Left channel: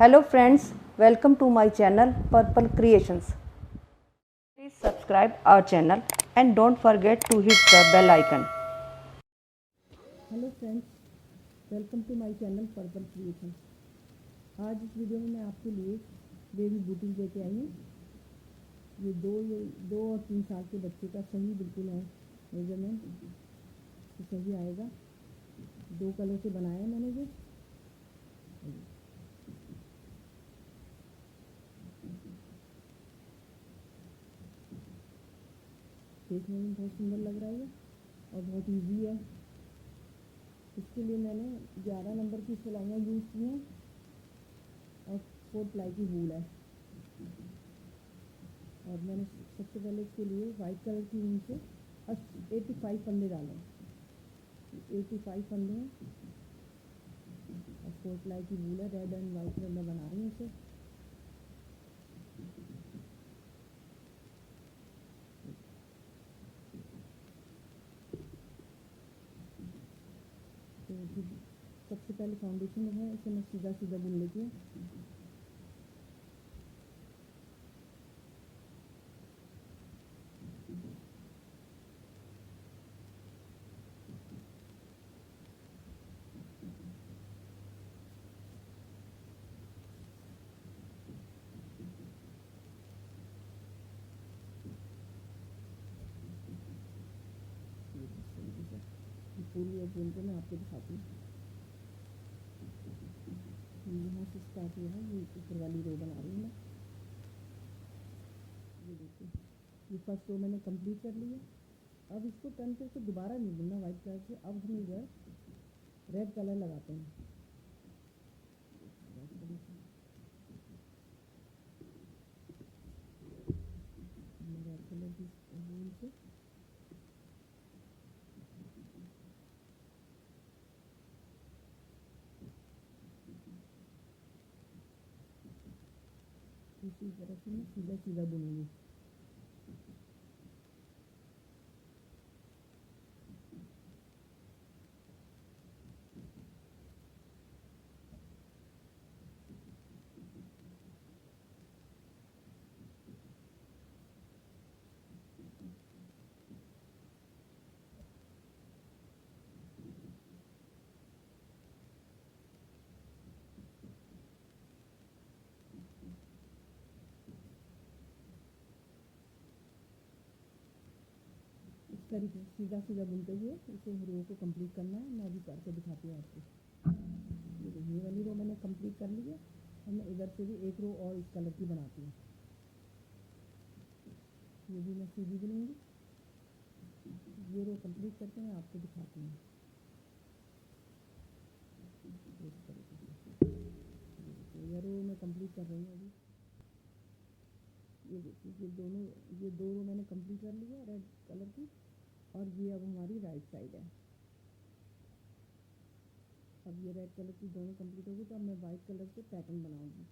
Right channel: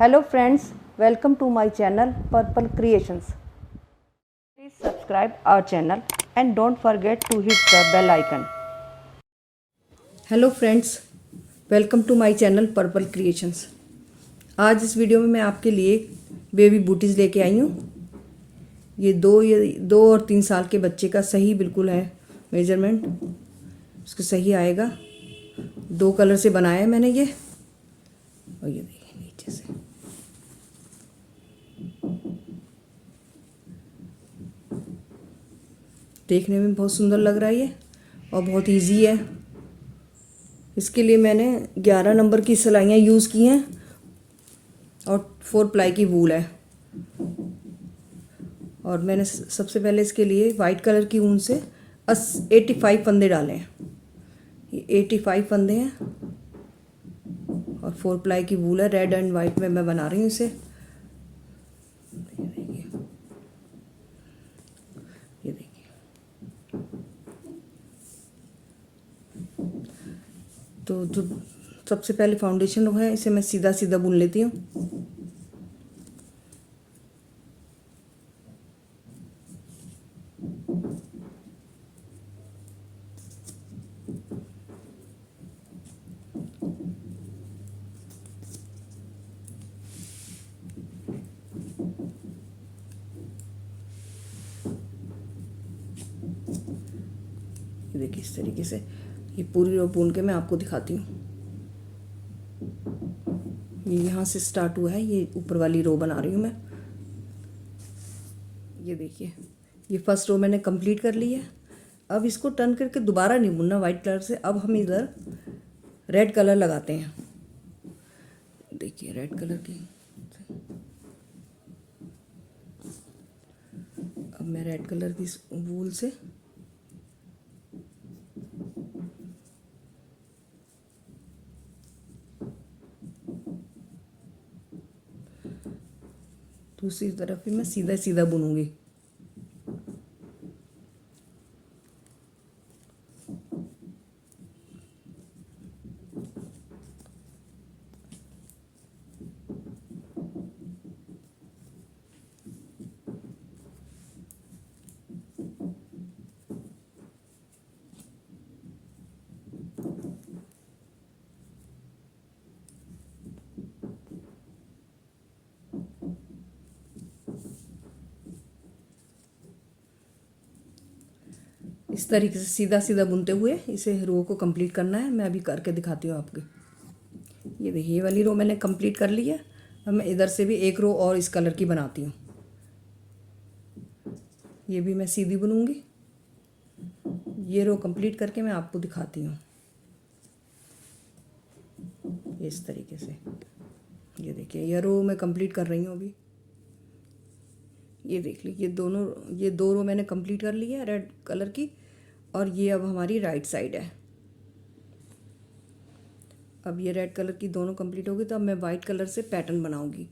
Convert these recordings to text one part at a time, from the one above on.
Hello friends, welcome to my channel Purple Creations. Please subscribe our channel and don't forget to hit the bell icon. Hello friends, welcome to my channel Purple Creations. आज इस video में मैं आपके लिए baby booties लेके आई हूँ। ये दो और 3 साल के बच्चे का सही बिल्कुल है मेजरमेंट, उसको सही आएगा। 2 कलर से बनाया है मैंने ये, और ये देखिए नीचे से देखने में बहुत सुंदर लग रहा है ये, और बहुत इजी है। इसके लिए मैंने 11 नंबर की सिलाइयाँ यूज़ की हैं और 4 प्लाई की वूल है। और मैंने सबसे पहले इसके लिए वाइट कलर की ऊन से 85 फंदे डाले हैं। ये 85 फंदे हैं और 4 प्लाई की वूल है। रेड एंड वाइट में मैं बना रही हूँ इसे। ये देखिए, तो जो सबसे पहले फाउंडेशन है इसे मैं सीधा सीधा बुन लेती हूँ। देखिए इस तरीके से ये पूरी रो बुन के मैं आपको दिखाती हूँ। ये यहाँ से स्टार्ट हुआ है, ये ऊपर वाली रो बना रही हूँ मैं। ये देखिए, ये फर्स्ट रो मैंने कंप्लीट कर ली है। अब इसको टर्न करके दोबारा नहीं बुनना वाइट कलर से। अब हम इधर रेड कलर लगाते हैं। देखिए रेड कलर की, अब मैं रेड कलर की वूल से दूसरी तरफ भी मैं सीधा सीधा बुनूंगी। इस तरीके से सीधा सीधा बुनते हुए इसे रो को कंप्लीट करना है। मैं अभी करके दिखाती हूँ आपको। ये देखिए, ये वाली रो मैंने कंप्लीट कर ली है। अब मैं इधर से भी एक रो और इस कलर की बनाती हूँ। ये भी मैं सीधी बुनूंगी। ये रो कंप्लीट करके मैं आपको दिखाती हूँ इस तरीके से। ये देखिए, ये रो मैं कंप्लीट कर रही हूँ अभी। ये देख लीजिए, ये 2 रो मैंने कंप्लीट कर ली है रेड कलर की, और ये अब हमारी राइट साइड है। अब ये रेड कलर की दोनों कंप्लीट होगी तो अब मैं वाइट कलर से पैटर्न बनाऊंगी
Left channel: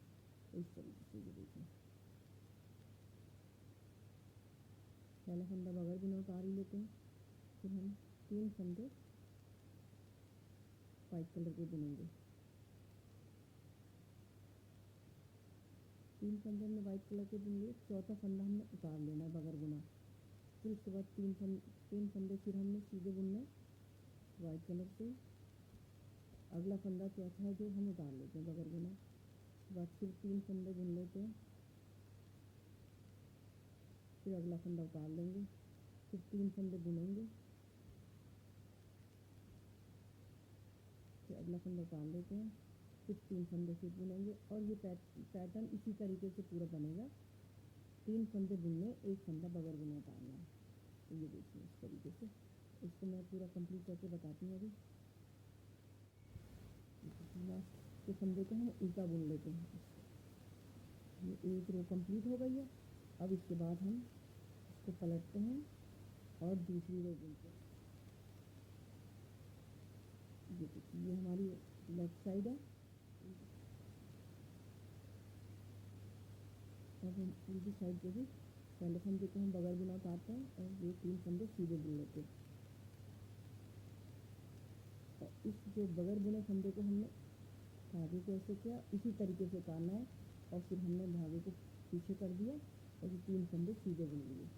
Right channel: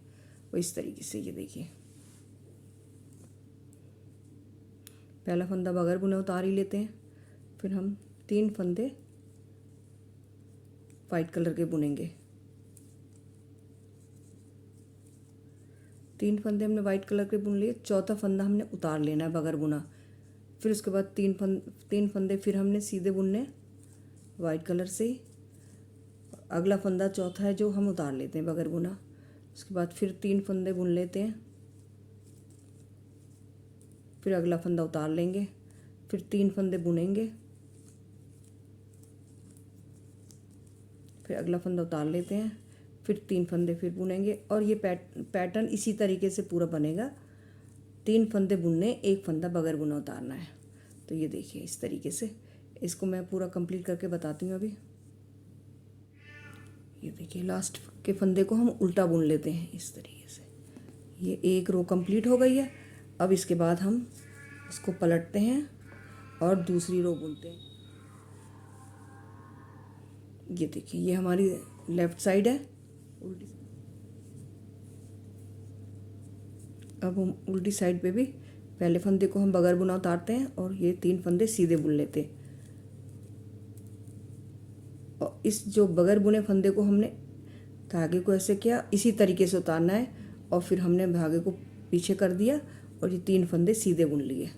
वो इस तरीके से। ये देखिए, पहला फंदा बगैर बुने उतार ही लेते हैं, फिर हम 3 फंदे वाइट कलर के बुनेंगे। 3 फंदे हमने वाइट कलर के बुन लिए। चौथा फंदा हमने उतार लेना है बगैर बुना। फिर उसके बाद 3 फंदे फिर हमने सीधे बुनने वाइट कलर से। अगला फंदा चौथा है जो हम उतार लेते हैं बगैर बुना। उसके बाद फिर 3 फंदे बुन लेते हैं, फिर अगला फंदा उतार लेंगे, फिर 3 फंदे बुनेंगे, फिर अगला फंदा उतार लेते हैं, फिर 3 फंदे फिर बुनेंगे। और ये पैटर्न इसी तरीके से पूरा बनेगा। 3 फंदे बुनने, 1 फंदा बगैर बुना उतारना है। तो ये देखिए इस तरीके से इसको मैं पूरा कंप्लीट करके बताती हूँ अभी। ये देखिए, लास्ट के फंदे को हम उल्टा बुन लेते हैं इस तरीके से। ये एक रो कंप्लीट हो गई है। अब इसके बाद हम इसको पलटते हैं और दूसरी रो बुनते हैं। ये देखिए, ये हमारी लेफ़्ट साइड है उल्टी। अब हम उल्टी साइड पे भी पहले फंदे को हम बगैर बुना उतारते हैं और ये 3 फंदे सीधे बुन लेते हैं। और इस जो बगैर बुने फंदे को हमने धागे को ऐसे किया, इसी तरीके से उतारना है और फिर हमने धागे को पीछे कर दिया और ये 3 फंदे सीधे बुन लिए।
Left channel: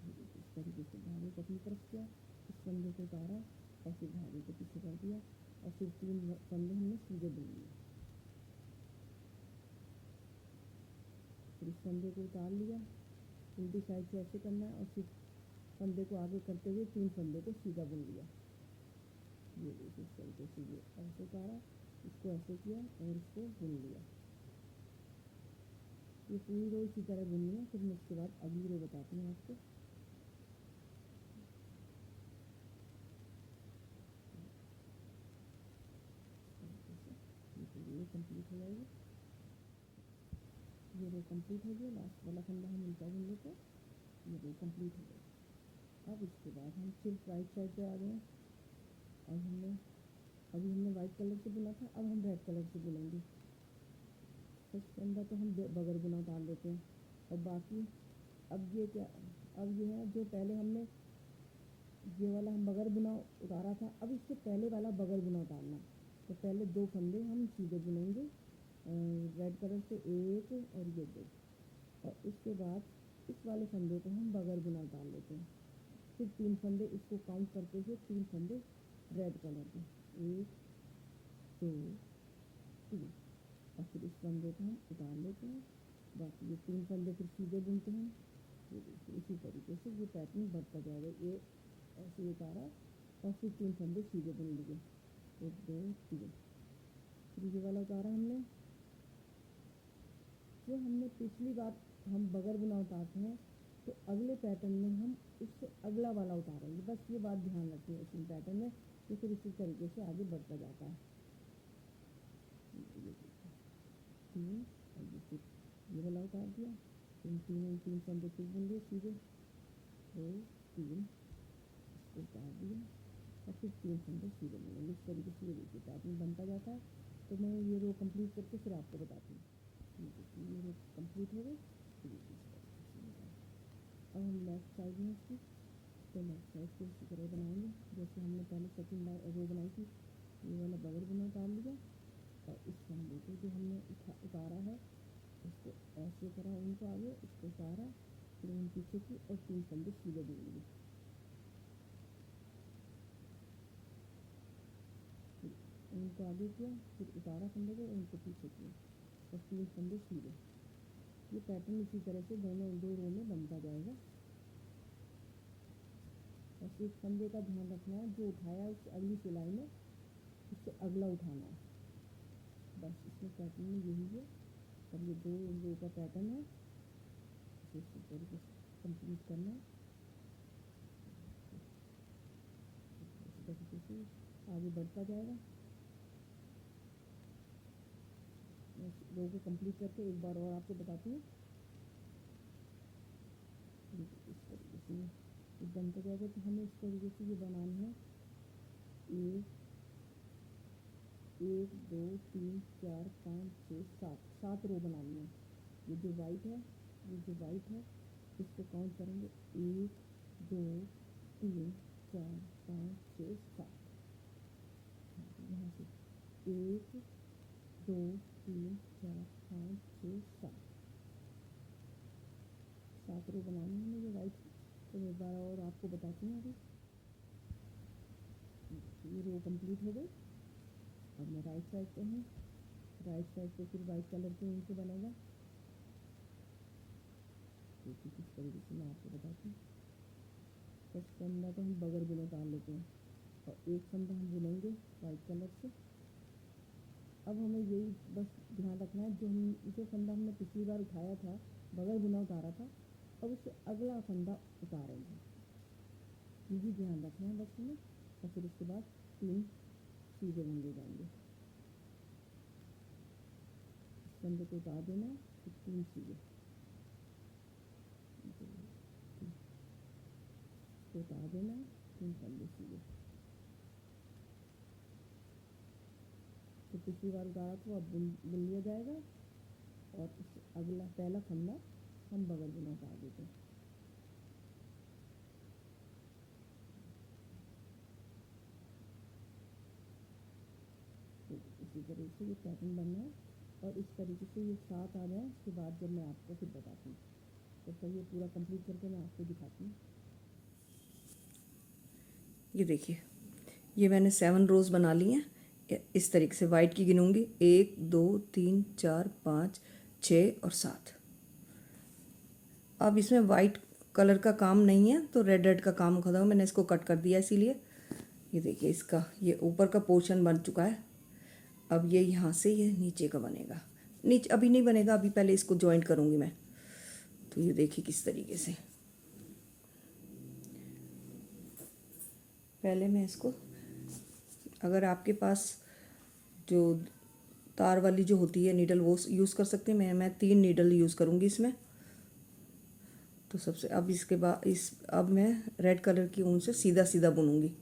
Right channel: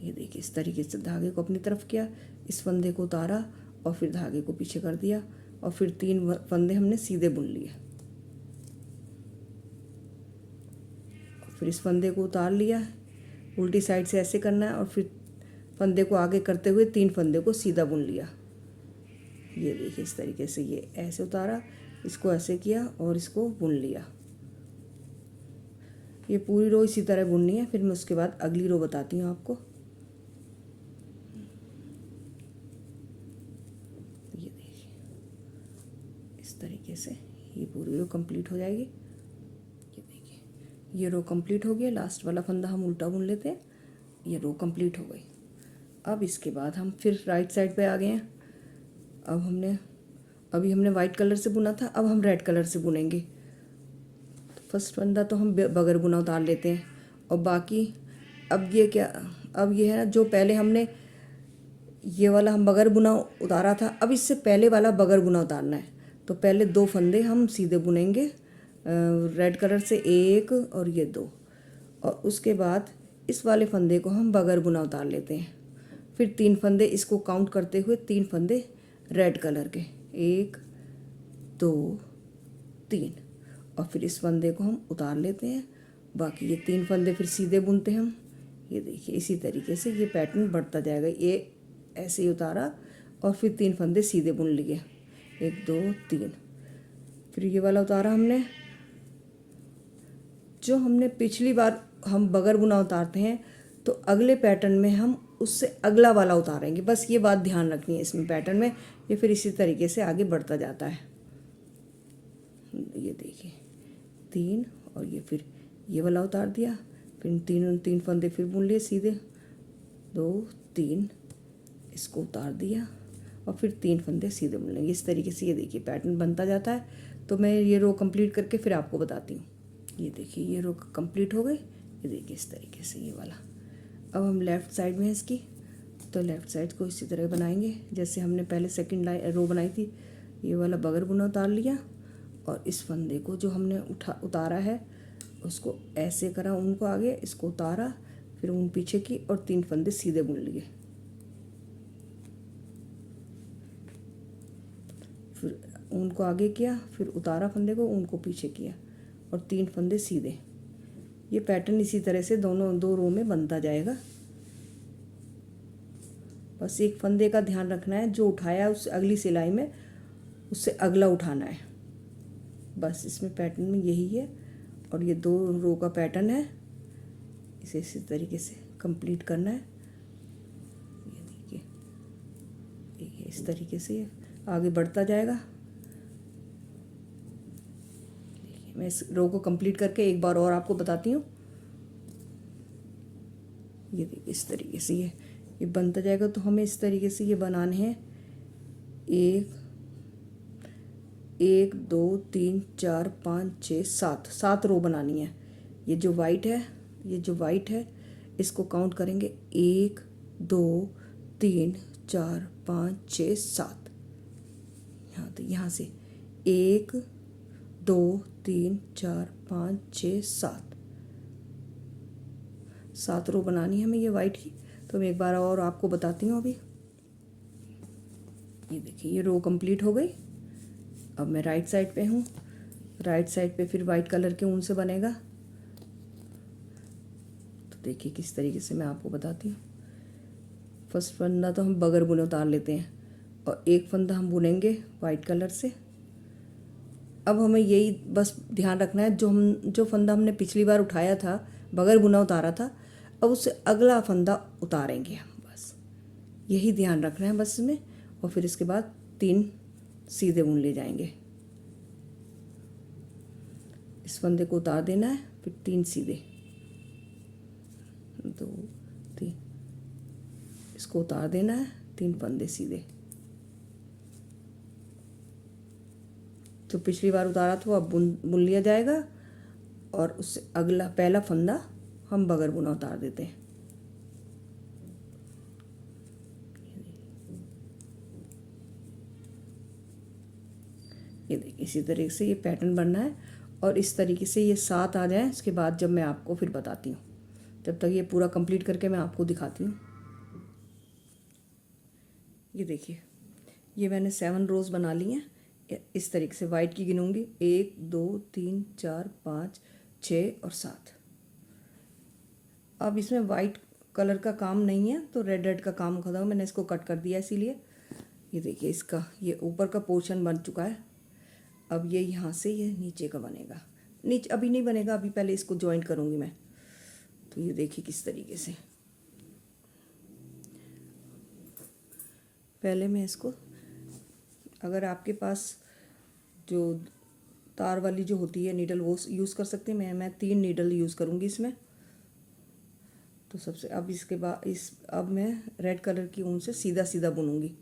ये देखिए इस तरीके से धागे को अपनी तरफ किया, इस फंदे को उतारा और फिर धागे को पीछे कर दिया और फिर 3 फंदे हमने सीधे बुन लिए। फिर इस फंदे को उतार लिया, उल्टी साइड से ऐसे करना है और फिर फंदे को आगे करते हुए 3 फंदे को सीधा बुन लिया। ये देखिए इस तरीके से ये ऐसे उतारा, इसको ऐसे किया और इसको बुन लिया। ये पूरी रो इसी तरह बुननी है, फिर मैं उसके बाद अगली रो बताती हूँ आपको। ये देखिए इस तरीके से ये पूरी रो कंप्लीट हो जाएगी। ये देखिए ये रो कंप्लीट हो गया, लास्ट वाला फंदा हम उल्टा बुन लेते हैं। ये रो कंप्लीट हो गई। अब इसके बाद हम फिर राइट साइड पे आ गए हैं। अभी हमने वाइट कलर से बुना था, अब हम रेड कलर से बुनेंगे। तो फर्स्ट फंदा तो हम बगैर बुना उतार लेते हैं और बाकी अब ये है ना, जो पहले हमने ये वाला हम बगैर बुना उतारा था, अब इससे पहले वाला बगैर बुना उतारना है। तो पहले 2 फंदे हम सीधे बुनेंगे रेड कलर से, 1 और ये 2, और उसके बाद इस वाले फंदे को हम बगैर बुना उतार लेते हैं। फिर 3 फंदे इसको काउंट करते हुए 3 फंदे रेड कलर के, 1 2 3, और फिर इस फंदे को हम उतार लेते हैं। बाकी ये 3 फंदे फिर सीधे बुनते हैं हम। ये देखिए इसी तरीके से ये पैटर्न बढ़ता जाएगा। ये ऐसे ही उतारा और फिर 3 फंदे सीधे बुन लिए, 1 2 3। फिर ये वाला उतारा हमने, जो हमने पिछली बार हम बगैर बुना उतारते हैं तो अगले पैटर्न में हम उससे अगला वाला उतारेंगे। बस ये बात ध्यान रखनी है इसमें पैटर्न में। ये फिर इसी तरीके से आगे बढ़ता जाता है। ये देखिए 3 और ये फिर ये वाला उतार दिया, फिर 3 फंदे फिर बुन लिए सीधे, 2 3, इसको उतार दिया और फिर 3 फंदे सीधे बुन लेंगे। इस तरीके से ये देखिए पैटर्न बनता जाता है। तो मैं ये रो कंप्लीट करके फिर आपको बताती हूँ। ये देखिए ये रो कंप्लीट हो गई। ये देखिए इस तरीके से ये वाला। अब हम लेफ़्ट साइड में है इसकी, तो लेफ़्ट साइड को इसी तरह बनाएंगे जैसे हमने पहले सेकंड रो बनाई थी। ये वाला बगैर बुना उतार लिया और इस फंदे को जो हमने उतारा है उसको ऐसे करा, उनको आगे, इसको उतारा, फिर ऊन पीछे की और 3 फंदे सीधे बुन लिए। फिर ऊन को आगे किया, फिर उतारा फंदे को, ऊन को पीछे किया और 3 फंदे सीधे। ये पैटर्न इसी तरह से दोनों 2 रो में बनता जाएगा। बस एक फंदे का ध्यान रखना है, जो उठाया उस अगली सिलाई में उससे अगला उठाना है। बस इसमें पैटर्न में यही है और ये 2 रो का पैटर्न है। इसे इसी तरीके से कंप्लीट करना है। ये देखिए इस तरीके से आगे बढ़ता जाएगा। देखिए मैं इस रो को कंप्लीट करके एक बार और आपको बताती हूँ। ये देखिए इस तरीके से ये बनता जाएगा। तो हमें इस तरीके से ये बनाने हैं 1 2 3 4 5 6 7 रो बनानी है। ये जो वाइट है इसको काउंट करेंगे 1 2 3 4 5 6 7। यहाँ तो यहाँ से 1 2 3 4 5 6 7 रो बनानी है हमें ये वाइट की। तो मैं एक बार और आपको बताती हूँ। अभी ये देखिए ये रो कंप्लीट हो गई। अब मैं राइट साइड पे हूँ। राइट साइड पे फिर वाइट कलर के ऊन से बनेगा। तो देखिए किस तरीके से मैं आपको बताती हूँ। फर्स्ट फंदा तो हम बगैर बुने उतार लेते हैं और एक फंदा हम बुनेंगे वाइट कलर से। अब हमें यही बस ध्यान रखना है, जो फंदा हमने पिछली बार उठाया था, बगैर बुना उतारा था, अब उससे अगला फंदा उतारेंगे हम। बस यही ध्यान रखना है बस इसमें। और फिर इसके बाद 3 सीधे बुन ले जाएंगे। इस फंदे को उतार देना है, फिर 3 सीधे, 2 3, इसको उतार देना है, 3 फंदे सीधे। जो पिछली बार उतारा था वो अब बुन लिया जाएगा और उससे अगला पहला फंदा हम बगैर बुना उतार देते हैं। इसी तरीके से ये पैटर्न बनना है और इस तरीके से ये 7 आ जाए। इसके बाद जब मैं आपको फिर बताती हूँ, जब तक ये पूरा कंप्लीट करके मैं आपको दिखाती हूँ। ये देखिए, ये मैंने 7 रोज़ बना ली हैं। इस तरीके से वाइट की गिनूँगी, 1 2 3 4 5 6 और 7। अब इसमें वाइट कलर का काम नहीं है तो रेड का काम खत्म। मैंने इसको कट कर दिया इसीलिए। ये देखिए, इसका ये ऊपर का पोर्शन बन चुका है। अब ये यहाँ से ये नीचे का बनेगा। नीचे अभी नहीं बनेगा, अभी पहले इसको जॉइंट करूँगी मैं। तो ये देखिए किस तरीके से पहले मैं इसको, अगर आपके पास जो तार वाली जो होती है नीडल वो यूज़ कर सकते हैं। मैं 3 नीडल यूज़ करूँगी इसमें। तो सबसे अब इसके बाद अब मैं रेड कलर की ऊन से सीधा सीधा बुनूंगी।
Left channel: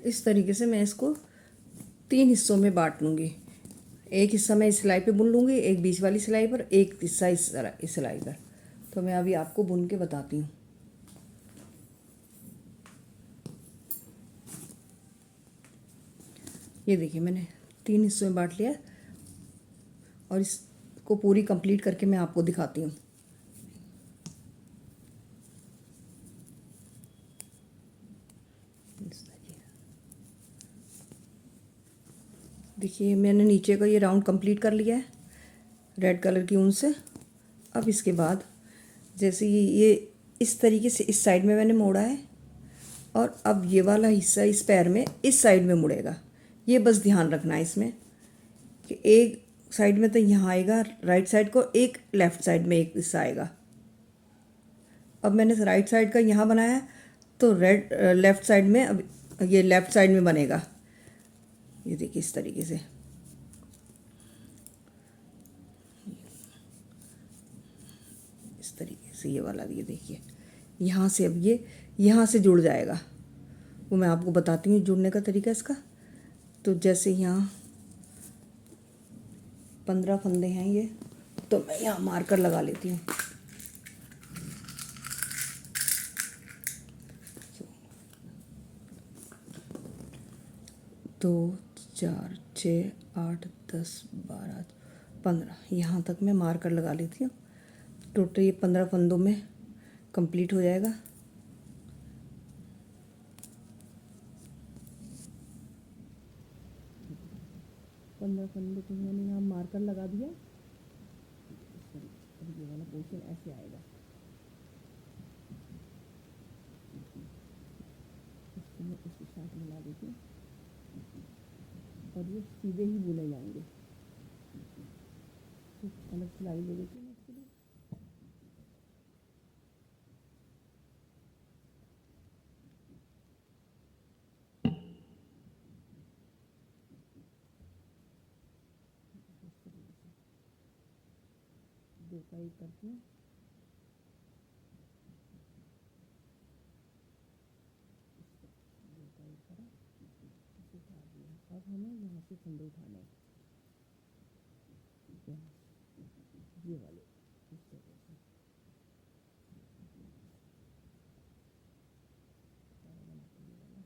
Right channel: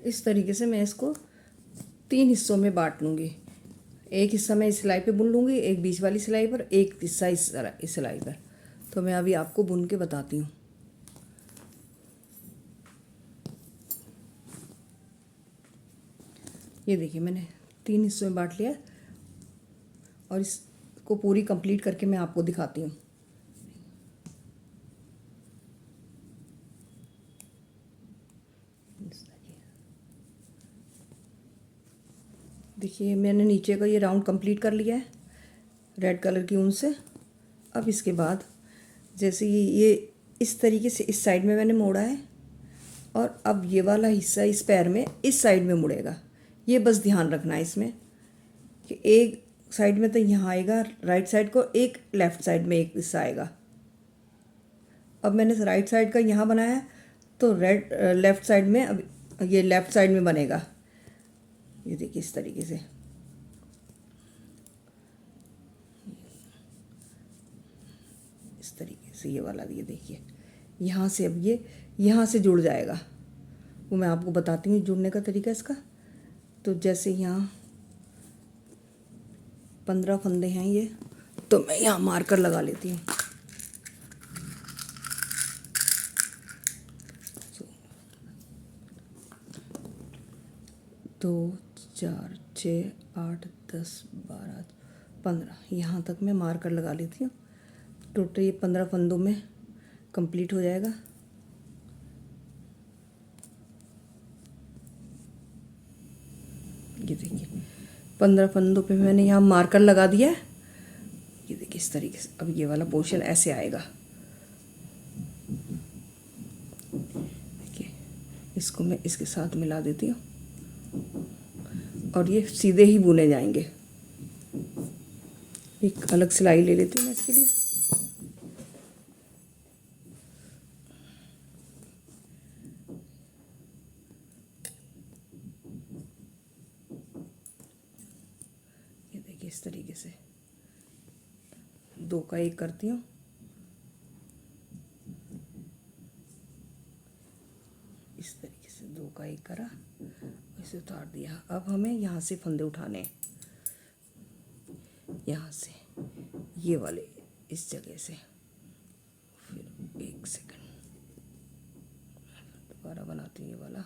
इस तरीके से मैं इसको 3 हिस्सों में बांट लूँगी। एक हिस्सा मैं इस सिलाई पे बुन लूँगी, एक बीच वाली सिलाई पर, एक हिस्सा इस सिलाई पर। तो मैं अभी आपको बुन के बताती हूँ। ये देखिए, मैंने 3 हिस्सों में बांट लिया और इसको पूरी कंप्लीट करके मैं आपको दिखाती हूँ। देखिए, मैंने नीचे का ये राउंड कंप्लीट कर लिया है रेड कलर की ऊन से। अब इसके बाद जैसे ये इस तरीके से इस साइड में मैंने मोड़ा है और अब ये वाला हिस्सा इस पैर में इस साइड में मुड़ेगा। ये बस ध्यान रखना है इसमें कि एक साइड में तो यहाँ आएगा राइट साइड को, एक लेफ़्ट साइड में एक हिस्सा आएगा। अब मैंने राइट साइड का यहाँ बनाया है तो लेफ़्ट साइड में अब ये लेफ़्ट साइड में बनेगा। ये देखिए इस तरीके से। इस तरीके से ये वाला भी, ये देखिए यहाँ से अब ये यहाँ से जुड़ जाएगा। वो मैं आपको बताती हूँ जुड़ने का तरीका इसका। तो जैसे यहाँ 15 फंदे हैं ये, तो मैं यहाँ मार्कर लगा लेती हूँ। 2 4 6 8 10 12 15 यहाँ तक मैं मार्कर लगा लेती हूँ। टोटल ये 15 फंदों में कंप्लीट हो जाएगा। ये देखिए 15 फंदों पे मैंने यहाँ मार्कर लगा दिया है। ये देखिए इस तरीके से अब ये वाला पोर्शन ऐसे आएगा। देखिए इसको मैं इसके साथ मिला देती हूँ और ये सीधे ही बुने जाएंगे। एक अलग सिलाई ले लेती हूँ मैं इसके लिए। ये देखिए इस तरीके से 2 का 1 करती हूँ। इस तरीके से 2 का 1 करा, इसे उतार दिया। अब हमें यहाँ से फंदे उठाने हैं, यहाँ से ये वाले इस जगह से। फिर 1 सेकंड दोबारा बनाती हूँ ये वाला।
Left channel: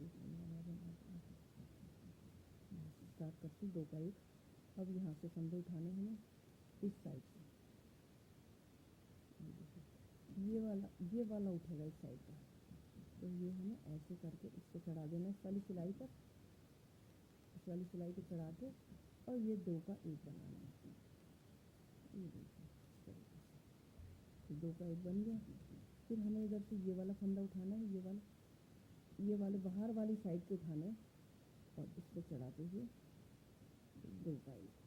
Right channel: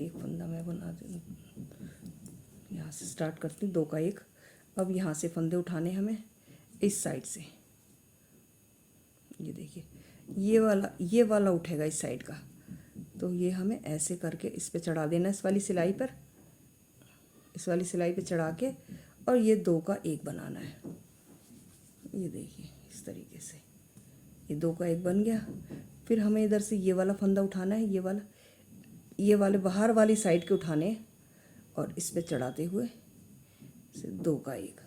एक फंदा मैं बना दूँ, यहाँ से स्टार्ट करती हूँ 2 का 1। अब यहाँ से फंदे उठाने हमें इस साइड से। ये देखिए ये वाला उठेगा इस साइड का। तो ये हमें ऐसे करके इस पे चढ़ा देना, इस वाली सिलाई पर, इस वाली सिलाई पे चढ़ा के, और ये 2 का 1 बनाना है। ये देखिए इस तरीके से ये 2 का 1 बन गया। फिर हमें इधर से ये वाला फंदा उठाना है, ये वाले बाहर वाली साइड के उठाने हैं, और इस पे चढ़ाते हुए से 2 का 1।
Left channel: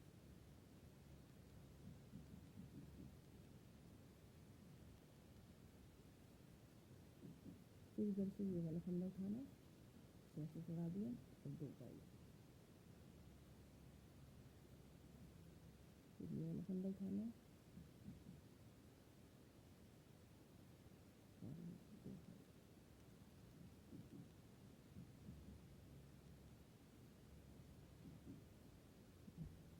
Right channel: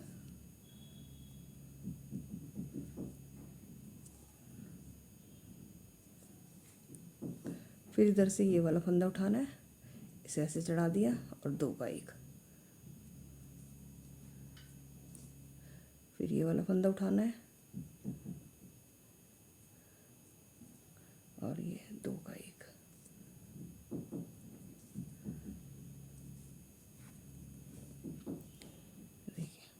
फिर इधर से ये वाला फंदा उठाना है, इसे ऐसे चढ़ा दिया और 2 का 1। फिर ये वाला फंदा उठाना है और ये 2 का 1। देखिए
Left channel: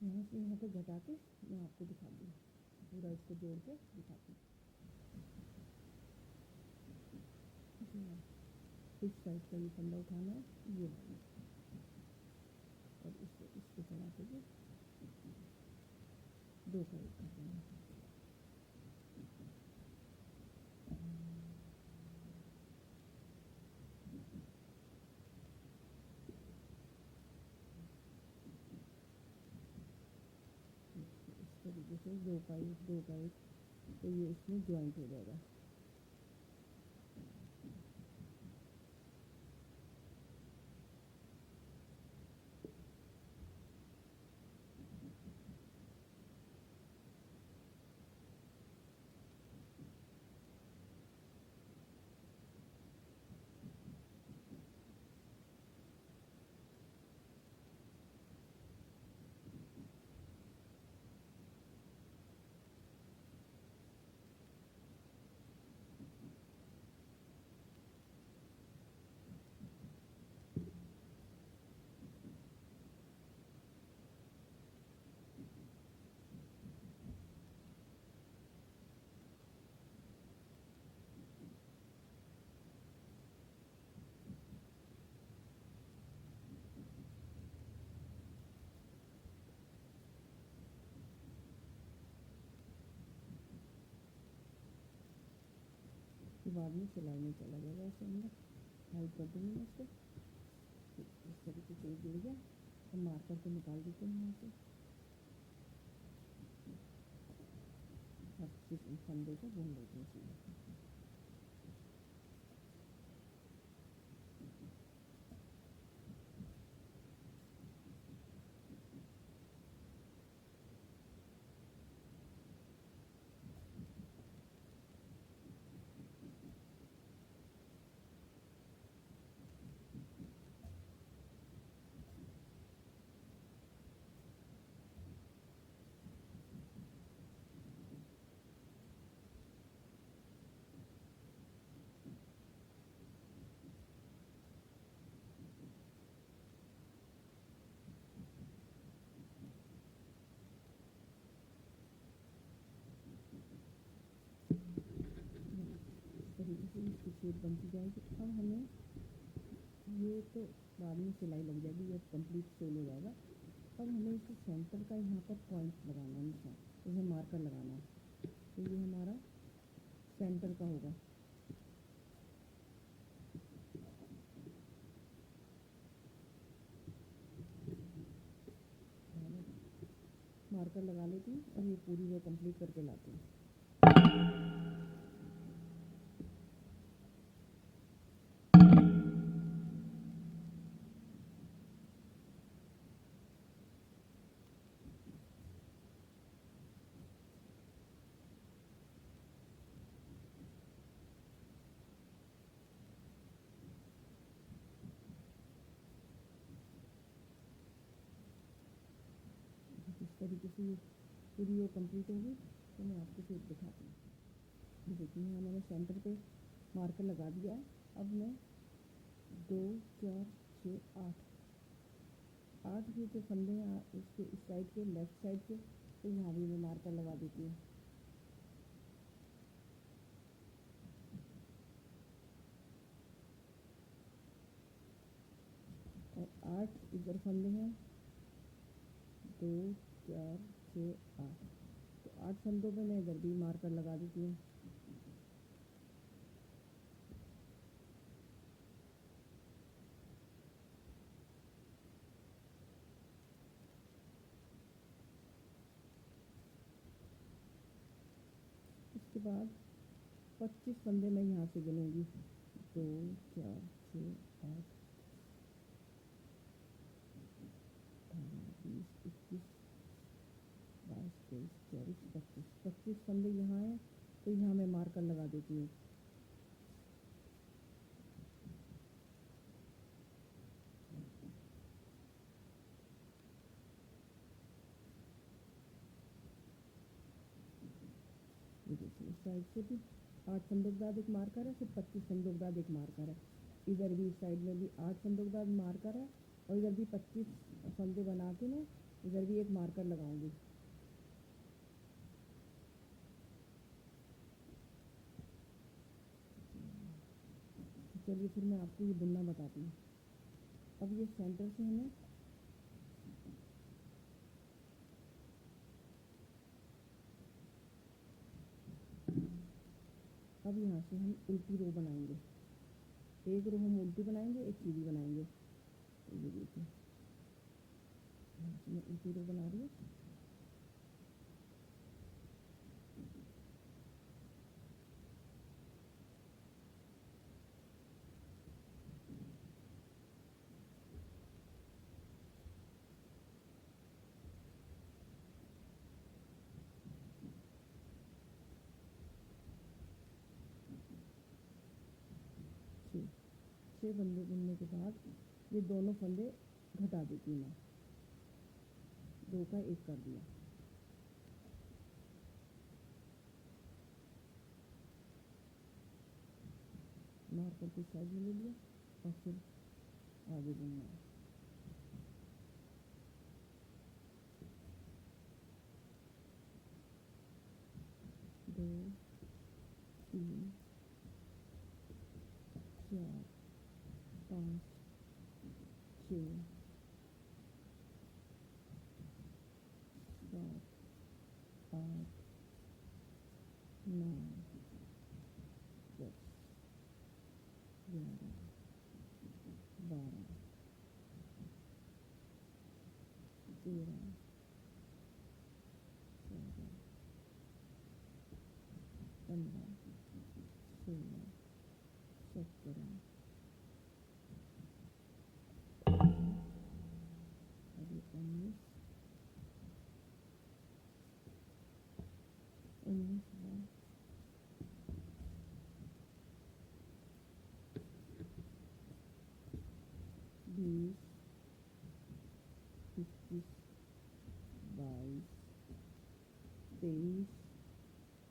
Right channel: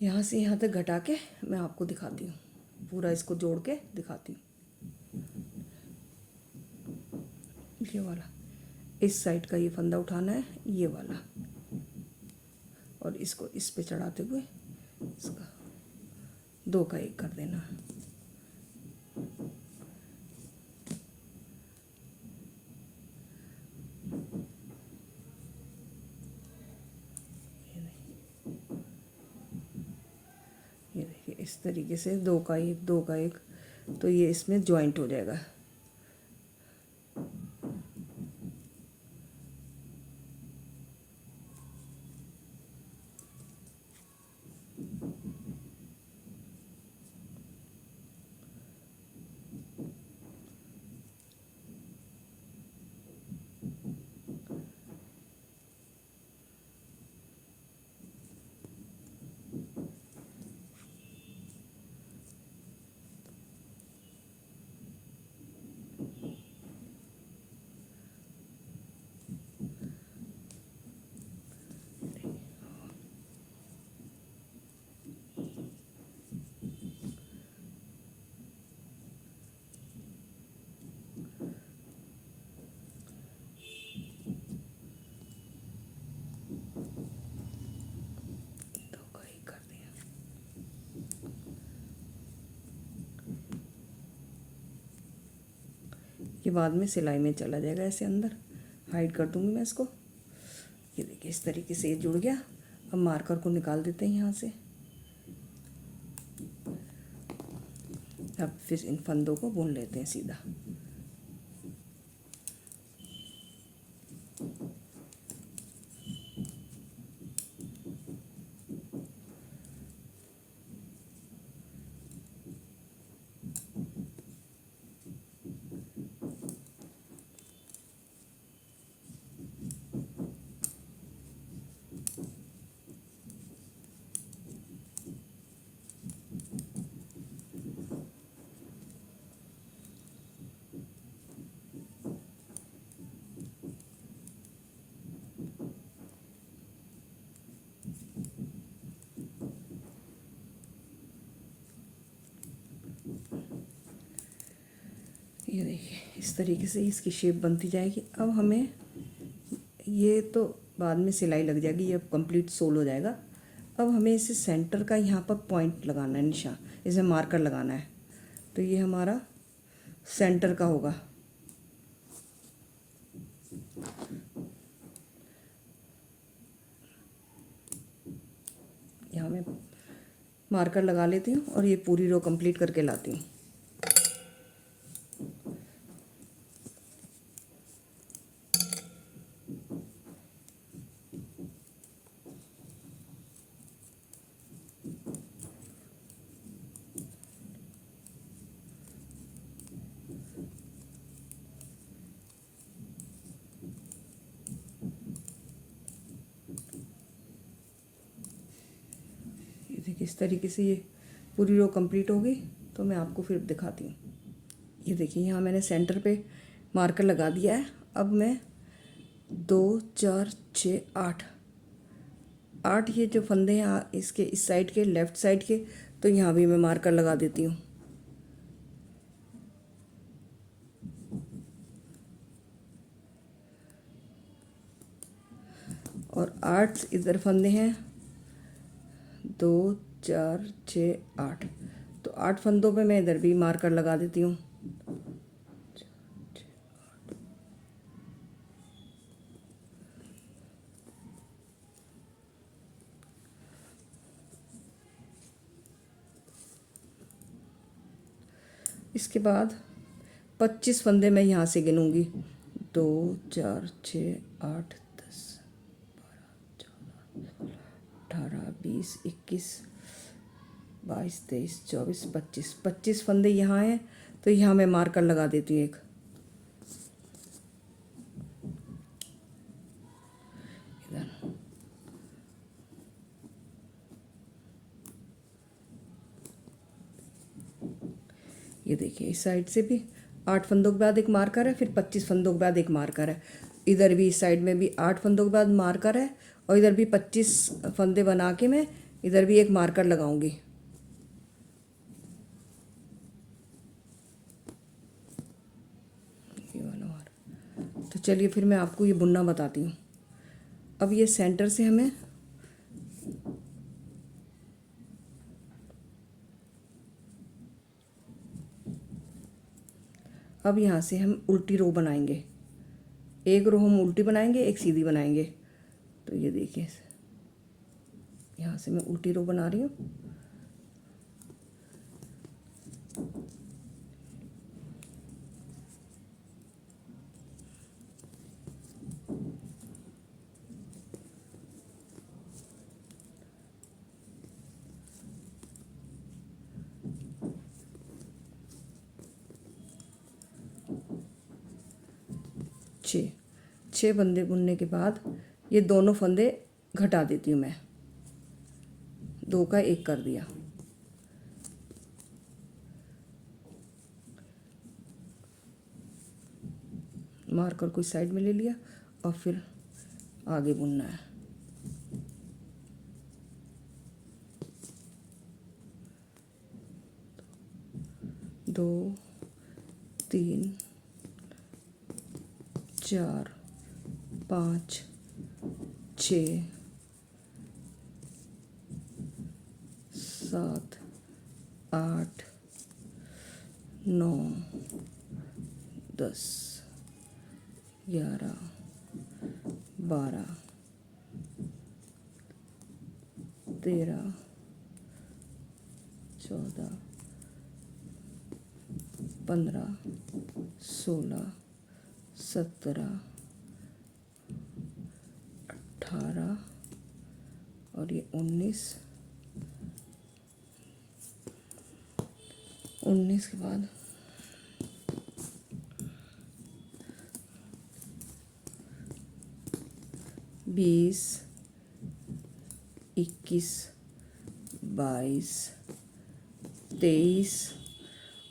यहाँ से यहाँ तक घटा के मैं आपको दिखाती हूँ, पूरा इसको जोड़ के दिखाती हूँ। ये वाला इस साइड का ये फंदा उठाना है, ये वाला, और इसको इस पे चढ़ाते हुए इसका 2 का 1 कर देना। ये देखिए इस तरीके से 2 का 1, 2 का 1, तो ये इसमें जॉइंट हो जाएगा। ये बाद में सिलाई में चला जाएगा, ऐसे अंदर हाइड कर दूंगी मैं इसको। ये देखिए इस तरीके से ये जुड़ गया। अब मार्कर को निकाल देते हैं यहाँ से। अब फिर इन फंदों को बुन लेते हैं सीधा। ये देखिए इस तरीके से इसकी शेप बनती जाएगी। अब हमें ये तो बाद में सिलाई लग जाएगी, ये अब कंप्लीट सोल हो जाएगा। अब हमें इसे सेंटर का यहाँ पर पॉइंट लगाना है, निशान, इसमें मार्कर लगाना है। तो ये हमारा सेंटर का होगा। यहाँ मैं मार्कर लगा लेती हूँ और ये पूरी रो कंप्लीट करके लाती हूँ। देखिए इस तरीके से ये पूरी रो कंप्लीट हो गई। तो मैं आपको फिर दिखाती हूँ। ये देखिए यहाँ मैंने सेंटर पे मार्कर लगा दिया है। अब मैं 2 4 6 8 8 ये जो फंदे हैं इसके इस साइड के लेफ़्ट साइड के, तो यहाँ भी मैं मार्कर लगा देती हूँ। और 8 इधर फंदे हैं, 2 4 6 8, तो 8 फंदों पे मैं इधर भी मार्कर लगा देती हूँ। इसके बाद 25 फंदे मैं यहाँ से गिनूँगी। 2 4 6 8 10 12 18 20 21 22 23 24 25 25 फंदे यहाँ हैं, तो यहाँ मैं मार्कर लगा देती हूँ एक। इधर ये देखिए, इस साइड से भी 8 फंदों के बाद एक मार्कर है, फिर 25 फंदों के बाद एक मार्कर है। इधर भी इस साइड में भी 8 फंदों के बाद मार्कर है, और इधर भी 25 फंदे बना के मैं इधर भी एक मार्कर लगाऊंगी। ये वाला मार्कर। तो चलिए फिर मैं आपको ये बुनना बताती हूँ। अब ये सेंटर से हमें अब यहाँ से हम उल्टी रो बनाएंगे। एक रो हम उल्टी बनाएंगे, एक सीधी बनाएंगे। तो ये देखिए, यहाँ से मैं उल्टी रो बना रही हूँ। छः फंदे बुनने के बाद ये दोनों फंदे घटा देती हूँ मैं। 2 का 1 कर दिया। मार्कर को साइड में ले लिया और फिर आगे बुनना है। दो 3 4 5 6 7 8 9 10 11 12 13 14 15 16 17 18 और ये 19 के बाद 20 21 22 23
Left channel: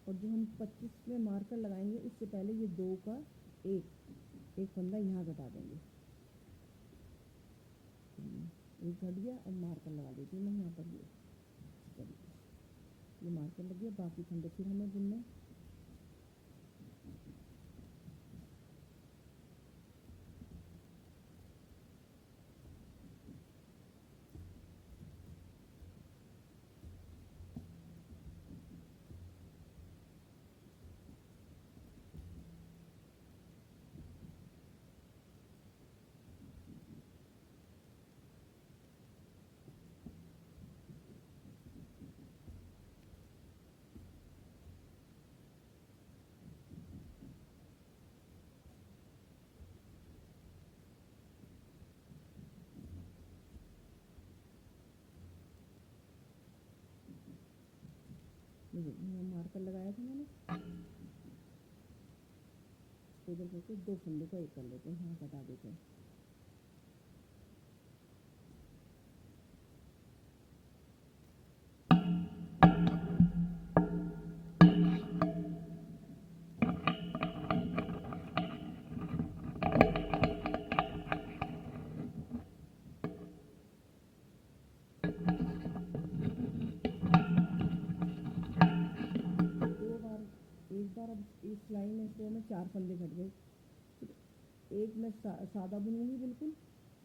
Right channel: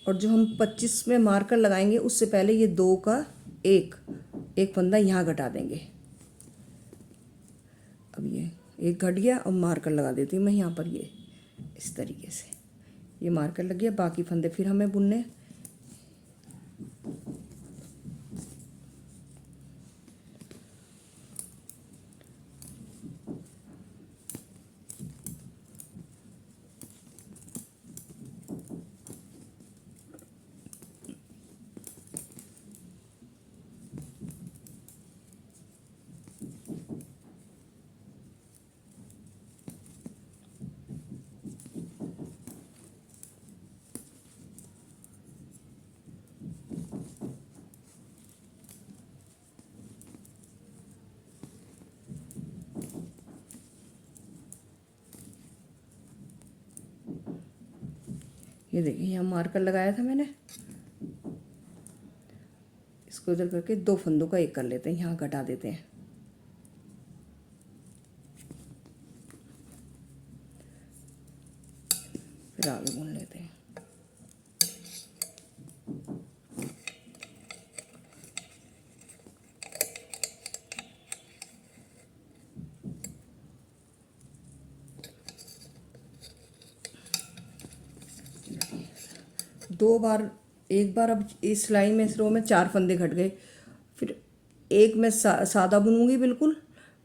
और जो हम 25 में मार्कर लगाएंगे उससे पहले ये 2 का एक फंदा यहाँ घटा देंगे। अब ये एक घट गया, अब मार्कर लगा देती हूँ मैं यहाँ पर। ये इस तरीके से ये मार्कर लग गया। बाकी फंदे फिर हमें बुनने। ये देखिए, यहाँ मार्कर लगाया था मैंने, इसको इधर करके 2 फंदों का 1 कर लेते हैं, यहाँ घटा देते हैं। फिर आगे बुन लेते हैं। दो बार, एक बार अब इस सिलाई में, इस रो में 4 फंदे घट गए, फिर एक मैं सादा बुनूंगी बिल्कुल,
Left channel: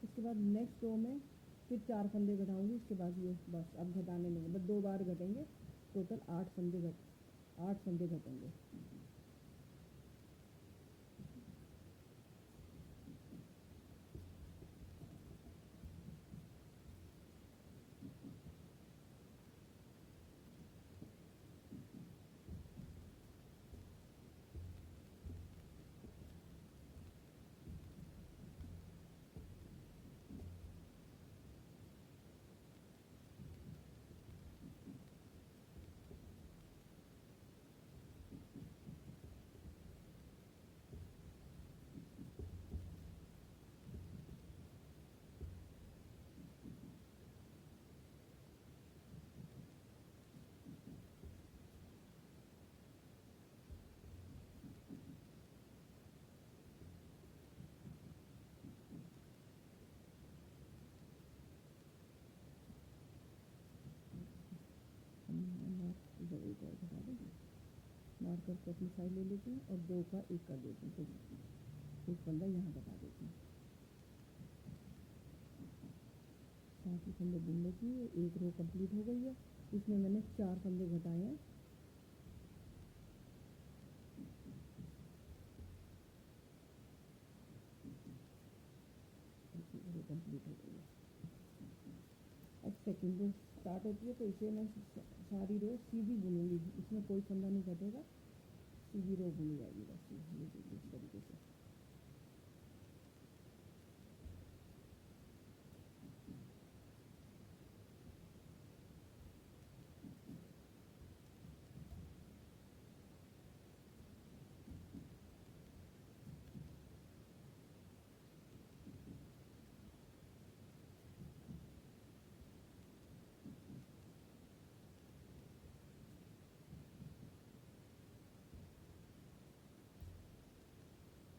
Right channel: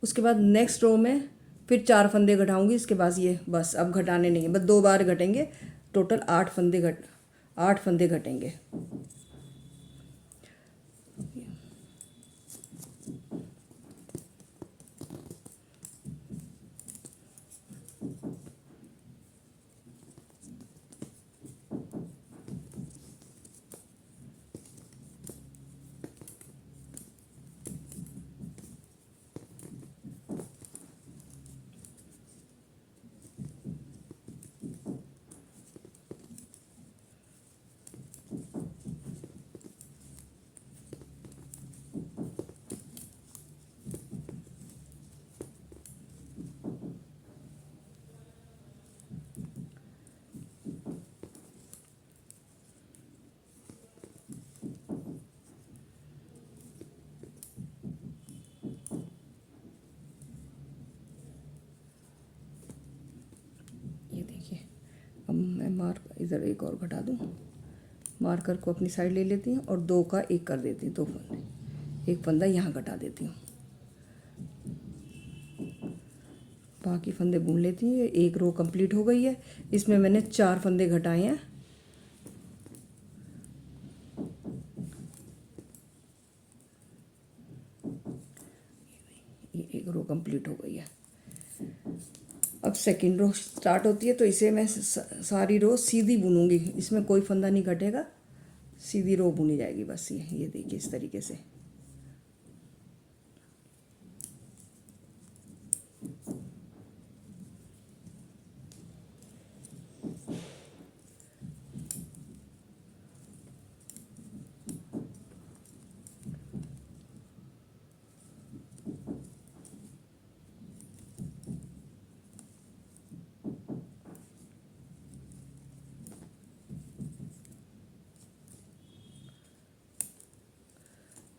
उसके बाद नेक्स्ट रो में फिर 4 फंदे घटाऊंगी, इसके बाद ये बस अब घटाने नहीं है, बस 2 बार घटेंगे, टोटल 8 फंदे घटेंगे। ये देखिए, अब मैं मार्क इधर एक और घटा दूँ, मार्कर को अपनी साइड ले लेती हूँ और 2 का 1 कर देती हूँ, 2 फंदे, एक फंदा यहाँ घटा देती हूँ, बाकी फंदे बुन लेती हूँ। एक रो कंप्लीट हो गई है, इसमें मैंने 4 फंदे घटाए हैं। ये एक रो कंप्लीट हो गई है। अब सेकंड रो स्टार्ट होती है, तो इसे मैं सारी रो सीधी बुनूंगी, इसमें कोई फंदा नहीं घटेगा, सीधी रो बुनी जाएगी बस। ये देखिए इस तरीके से।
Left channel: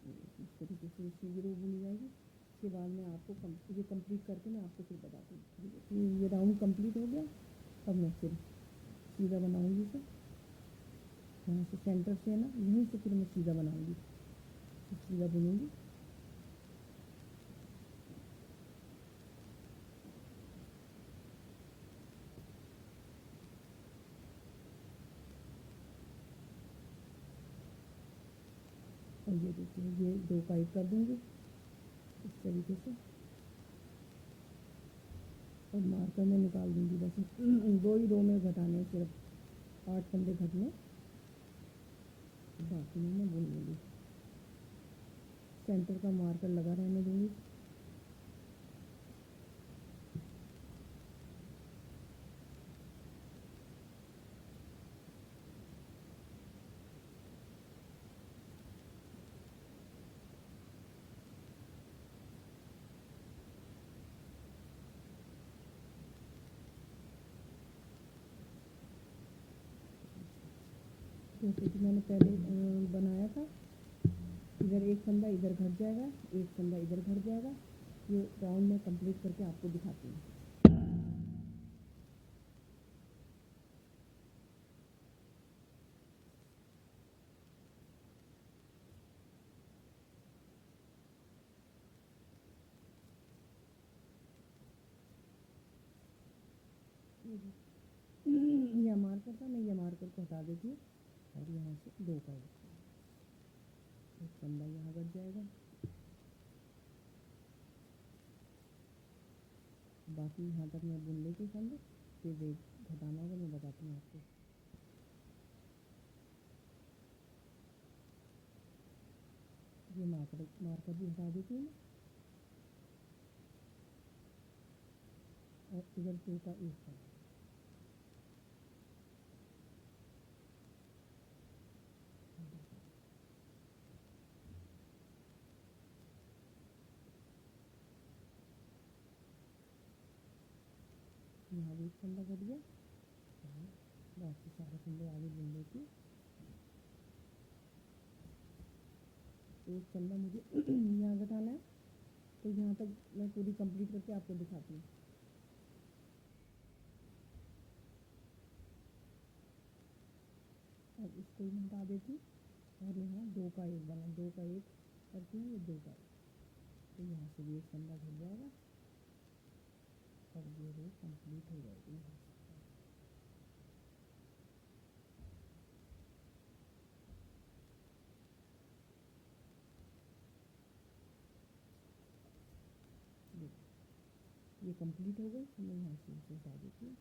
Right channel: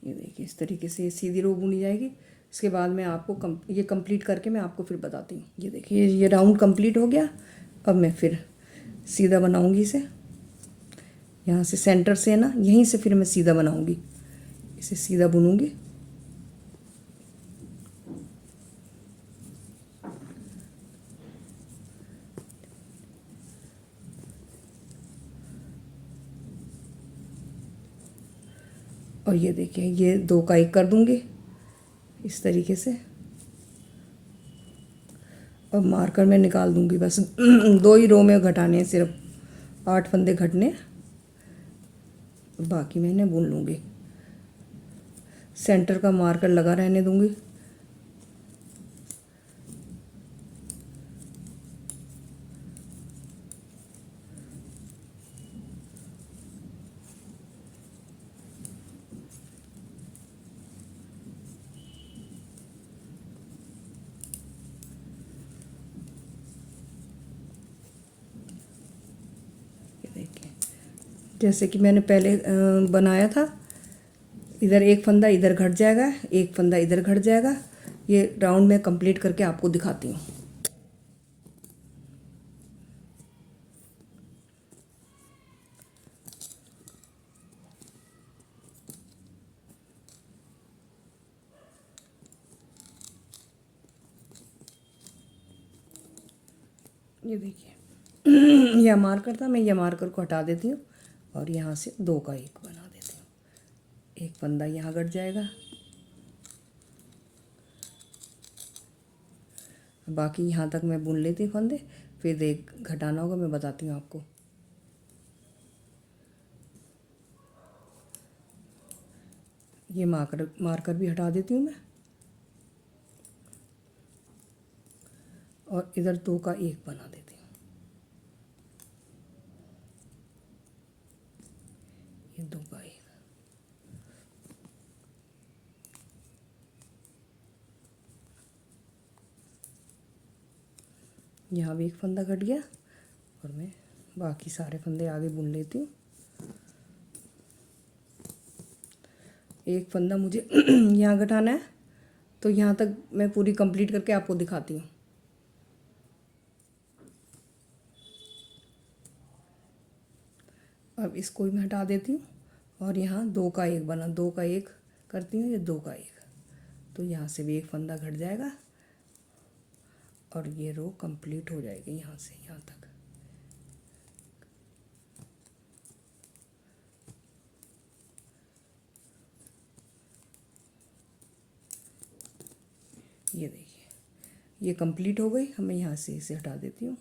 ये देखिए इस तरीके से ये सीधी रो बुनी जाएगी। इसके बाद मैं आपको ये कंप्लीट करके मैं आपको फिर बताती हूँ। ये देखिए ये राउंड कंप्लीट हो गया। अब मैं फिर सीधा बनाऊंगी इसे, यहाँ से सेंटर से ना, यहीं से फिर मैं सीधा बनाऊंगी, इसे सीधा बुनूंगी। और ये देखिए ये 2 का 1 कर दूंगी इस तरीके से, और मार्कर में निकाल दूंगी बस। 2 ही रो में घटाने हैं, सिर्फ 8 फंदे घटने, बाकी मैंने बुन लूँगी। सेंटर का मार्कर लगा रहने दूंगी। जैसे कि मैंने पहले बनाया था, इधर एक फंदा इधर घट जाएगा, एक फंदा इधर घट जाएगा। ये राउंड में कंप्लीट करके आपको दिखाती हूँ। ये देखिए यह मार्कर था, मैं यह मार्कर को हटा देती हूँ और यहाँ से 2 का 1 बना देती हूँ। एक फंदा यहाँ घट जाएगा, बाकी यहाँ तक मैं बुन लेती हूँ फंदे, फिर एक घटाना होगा, मैं बताती हूँ आपको। ये मार्कर भी हटा देती हूँ मैं, और इधर 2 का 1 बना देती हूँ। ये 2 का 1, यहाँ भी एक फंदा घट गया, और मैं बाकी सारे फंदे आगे बुन लेती हूँ। एक फंदा मुझे यहाँ घटाना है, तो यहाँ तक मैं पूरी कंप्लीट करके आपको दिखाती हूँ। अब इसको भी मैं हटा देती हूँ और यहाँ 2 का 1 बना, 2 का 1 करती हूँ, ये 2 का 1, तो यहाँ से भी एक फंदा घट जाएगा और ये रो कंप्लीट हो जाएगी यहाँ से यहाँ तक। ये देखिए ये कंप्लीट हो गई। हमें यहाँ से इसे हटा देती हूँ,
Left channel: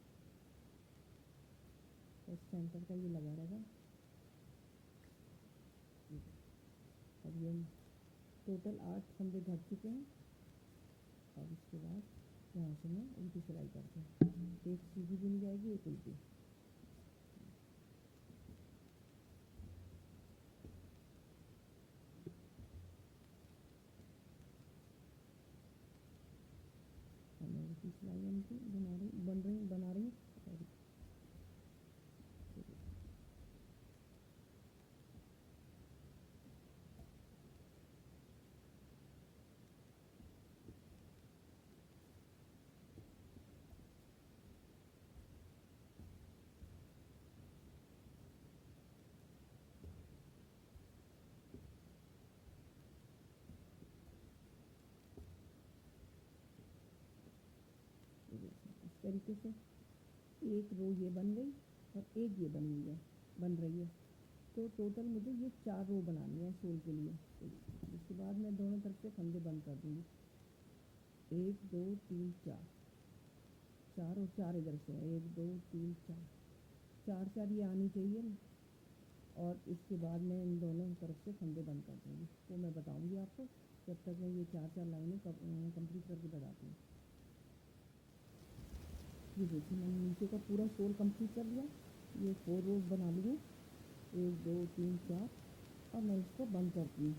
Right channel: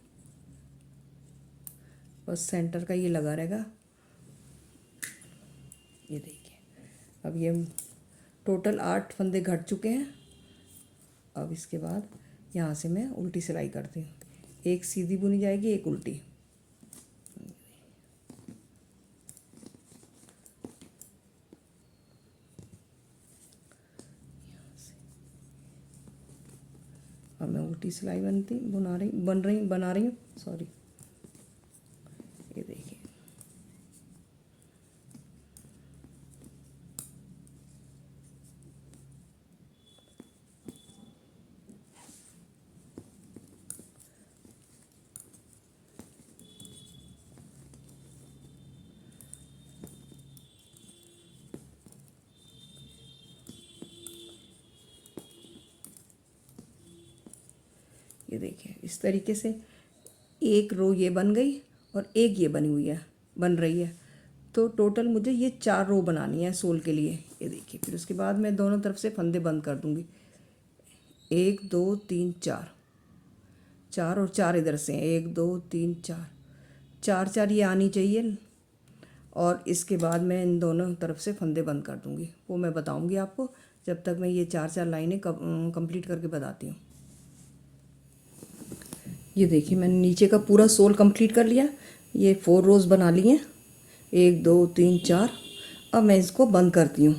बस सेंटर का ये लगा रहेगा। ये देखिए अब ये टोटल 8 फंदे घट चुके हैं। अब इसके बाद यहाँ से मैं उल्टी सिलाई करती हूँ, एक सीधी बुनी जाएगी, एक उल्टी। अब मैं उल्टी सिलाई बना रही हूँ सॉरी। ये देखिए ये देखिए इस तरीके से एक रो ये बन गई और एक ये बन रही है, तो टोटल मुझे ये 4 रो बनानी है सोल के लिए। ये देखिए फिर उसके बाद मैं दोनों तरफ से फंदे बंद कर दूँगी, 1 2 3 4, 4 और 4 इधर से हैं, 1 2 3 4, 4 4 ये आनी चाहिए। और इसके बाद मैं इन दोनों तरफ से फंदे बंद कर दूँगी, वो मैं बताऊँगी आपको जब तक मैं ये 4 लाइनें कंप्लीट करके बताती हूँ। ये देखिए मैंने नीचे का पूरा सोल कंप्लीट कर लिया, ये 4 रोज़ बना लिए, 1 2 3 4। अब मैं इसको बंद करती हूँ।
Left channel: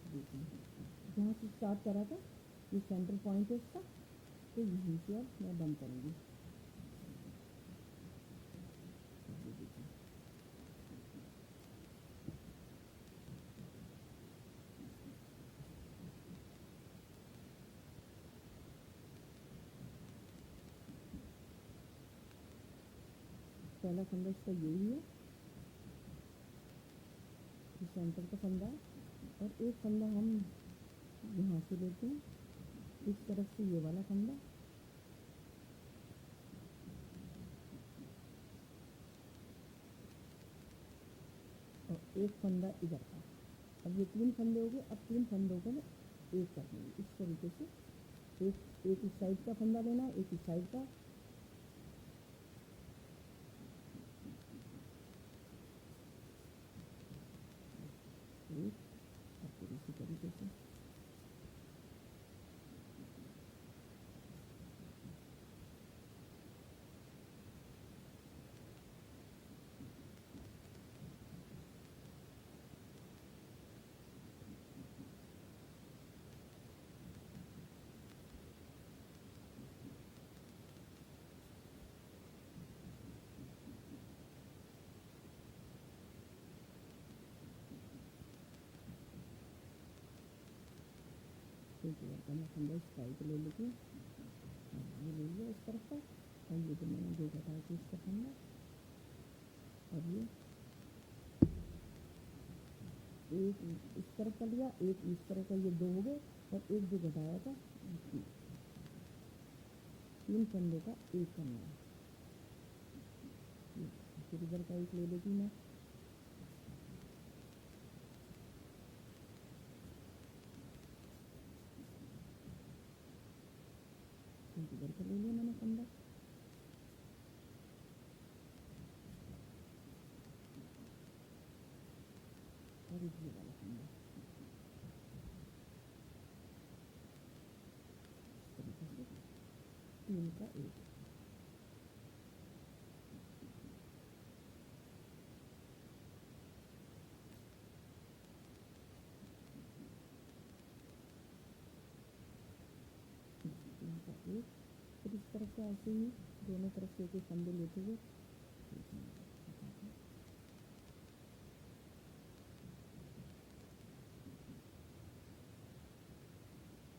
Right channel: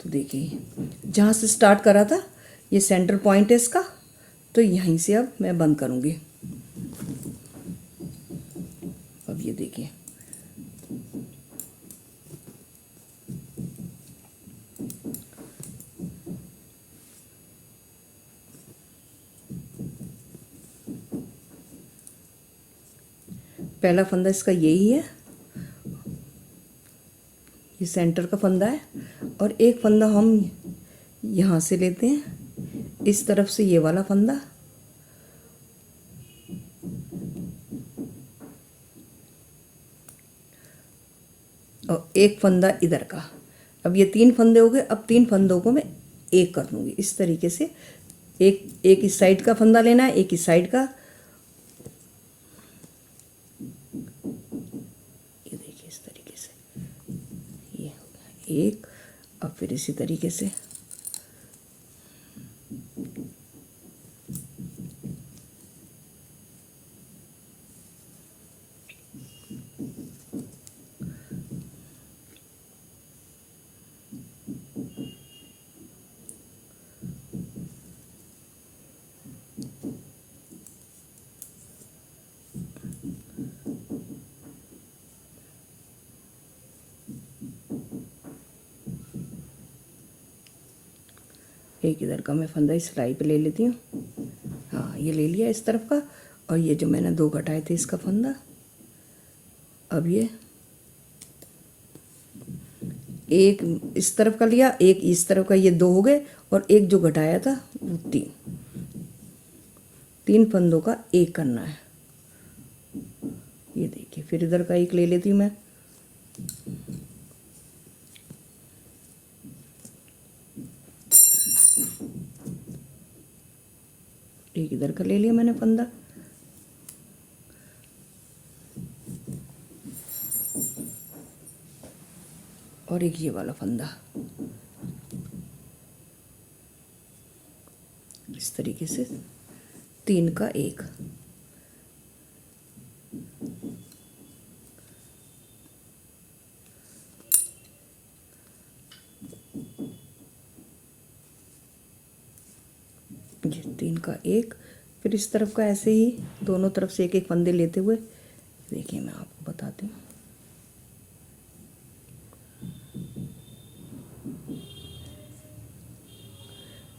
तो देखिए जहाँ से स्टार्ट करा था ये सेंटर पॉइंट है इसका, तो यहीं से अब मैं बंद करूँगी। अब ये देखिए पहला फंदा इसका यही है, ये सेंटर का फंदा है, और एक फंदा हम यहाँ से लेते हैं, इस तरफ से ये वाला फंदा, और एक फंदा इधर का। अब ये 3 फंदे हो गए। अब 3 फंदों को मैं एक कर दूँगी इस तरीके से, एक इस साइड का फंदा लेना है, एक इस साइड का। ये देखिए इस तरीके से ये हो गया एक। अब फिर इसी तरीके से एक इधर का मैं फंदा इस सिलाई पे ले लेती हूँ। हाँ ये ले लिया इस तरफ का, और ये जो मैंने 2 घटाए थे इसका फंदा, अब ये एक इस तरफ का लिया, एक इस तरफ का, ये 2 हो गए, और एक जो घटाया था वो 3 फंदों का एक करना है। ये देखिए फिर इधर का एक ले लेती हूँ मैं। एक इधर का ले लिया मैंने फंदा, और एक ये वाला फंदा इस तरीके से 3 का 1। ये 3 का 1। फिर इस तरफ का ऐसे ही दोनों तरफ से एक एक फंदे लेते हुए, देखिए मैं आपको बताती हूँ।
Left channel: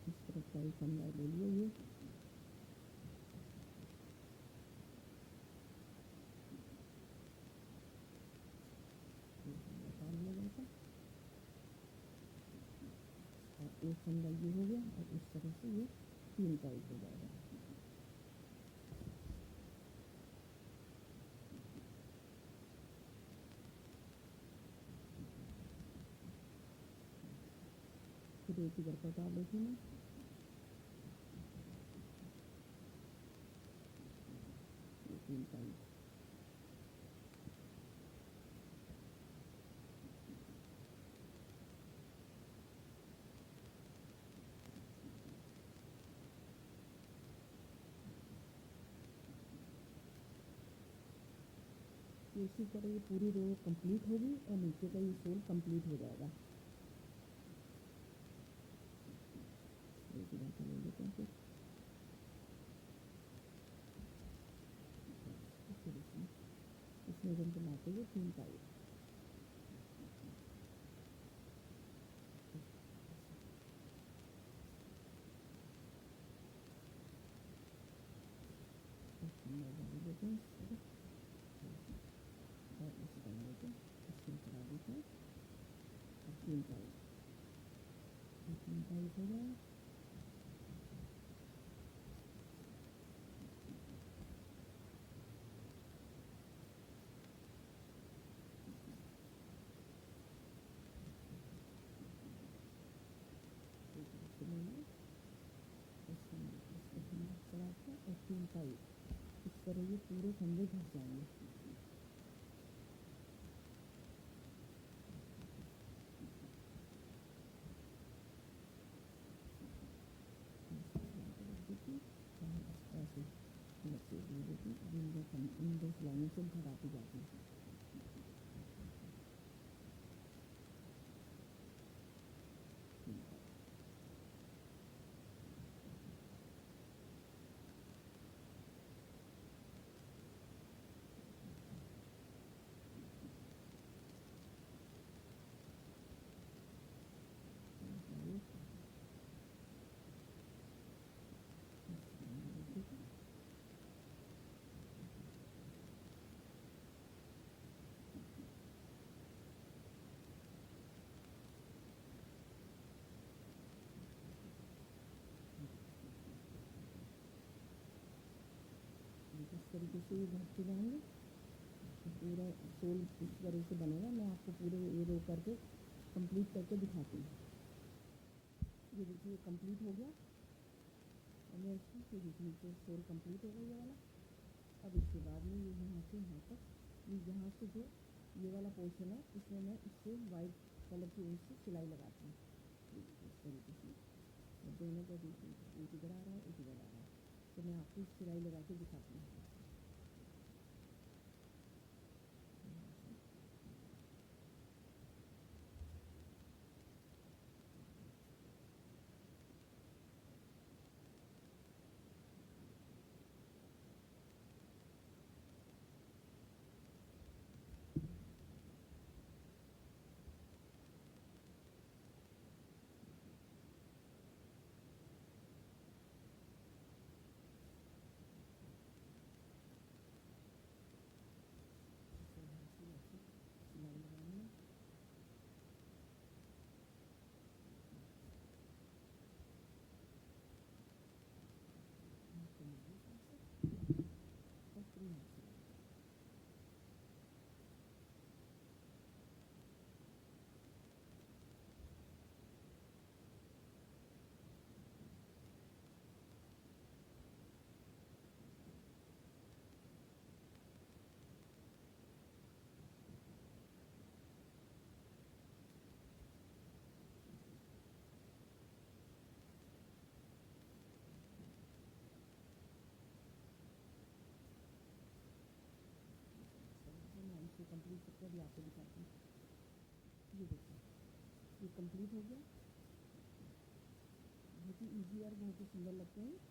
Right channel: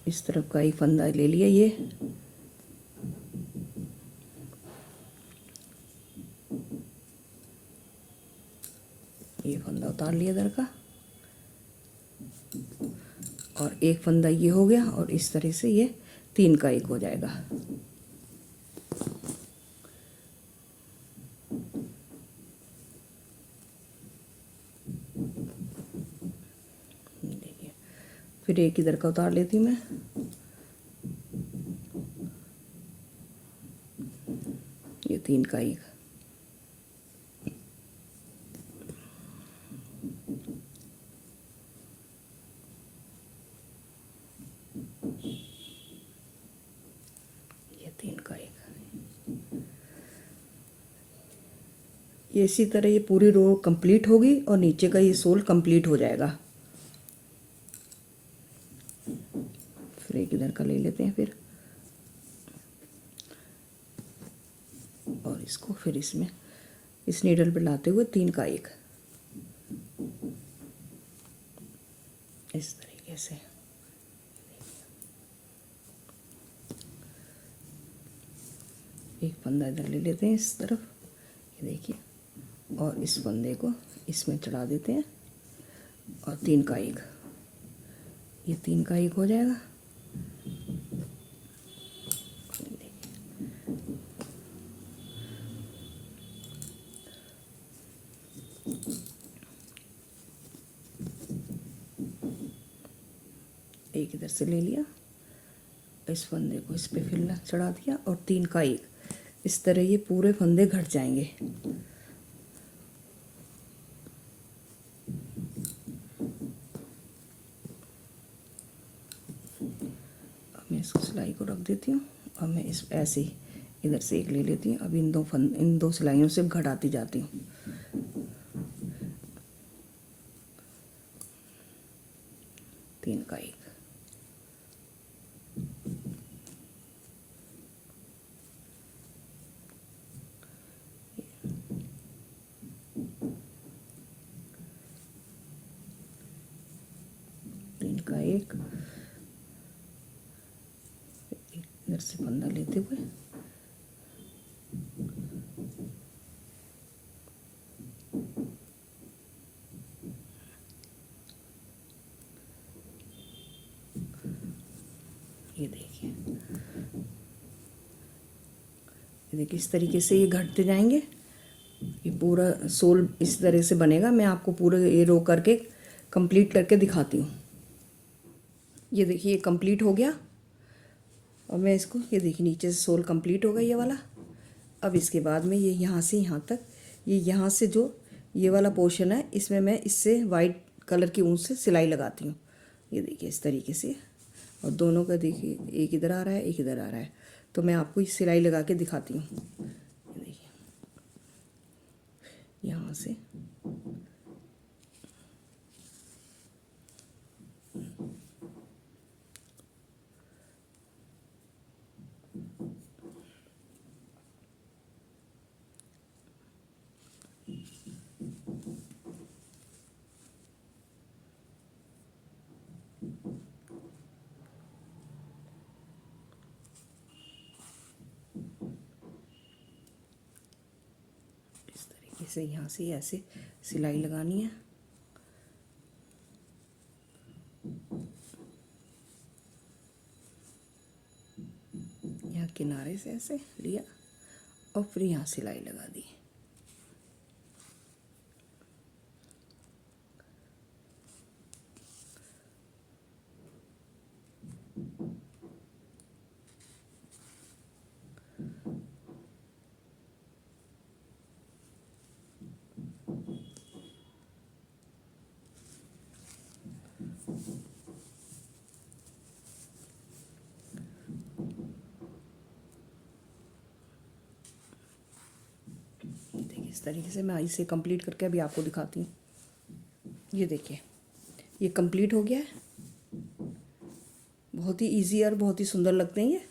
इस तरफ का एक फंदा ले लिया ये, उतार लिया इधर का, और एक फंदा ये हो गया, और इस तरह से ये 3 का 1 हो जाएगा। देखिए, फिर एक इधर का उतार लेती मैं, ये 3 का 1। ये 3 का 1। ये इसी तरह ये पूरी रो कंप्लीट होगी और नीचे का ये सोल कंप्लीट हो जाएगा। फिर एक इधर का ले लेते हैं फिर, और इसको फिर इसमें इस नीडल पे लाते हुए 3 का 1 इस तरीके से। एक फंदा इधर ले लेते हैं इस तरफ, ये देखिए, और इस फंदे को इसमें चढ़ा देते हैं, और 3 का 1, ये 3 का 1 हो जाएगा। एक इधर से ले लिया, इस फंदे को इस पे फिर चढ़ा दिया, और 3 का 1 इस तरह ये पूरे फंदे घट जाएंगे। अब मैं इसको सिलाई को रख देती हूँ। अब मैं इस ऐसे ही इधर से एक ले लेती हूँ। अब इन दो सिलाइयों से घटाती जाती हूँ। तीन का 1, तीन का 1, इधर से फंदा लेते हुए ये देखिए, इस तरीके से ये घटते जाएंगे। ये पूरा सोल इस तरह से बनेगा। मैं आपको पूरा ये रो करके कंप्लीट करके दिखाती हूँ। ये देखिए, ये कंप्लीट हो गया। और मैं इसको, ये देखिए, नीचे से सोल कंप्लीट हो गया ये वाला। अब इसके बाद में ये यहाँ से यहाँ तक, ये यहाँ से जो ये वाला पोर्शन है, इसमें मैं इससे वाइट कलर की ऊन से सिलाई लगाती हूँ। ये देखिए इस तरीके से, और दोनों का देखिए, एक इधर आ रहा है, एक इधर आ रहा है। तो मैं आपको सिलाई लगा के दिखाती हूँ। ये देखिए, यहाँ से इसे यहाँ से ऐसे सिलाई लगानी है। यहाँ किनारे से ऐसे लिया और फिर यहाँ सिलाई लगा दी। इस तरीके से मैं इसे कंप्लीट करके अभी आपको दिखाती हूँ। ये देखिए, ये कंप्लीट हो गया है। बहुत ही इजी और बहुत ही सुंदर लगते हैं ये।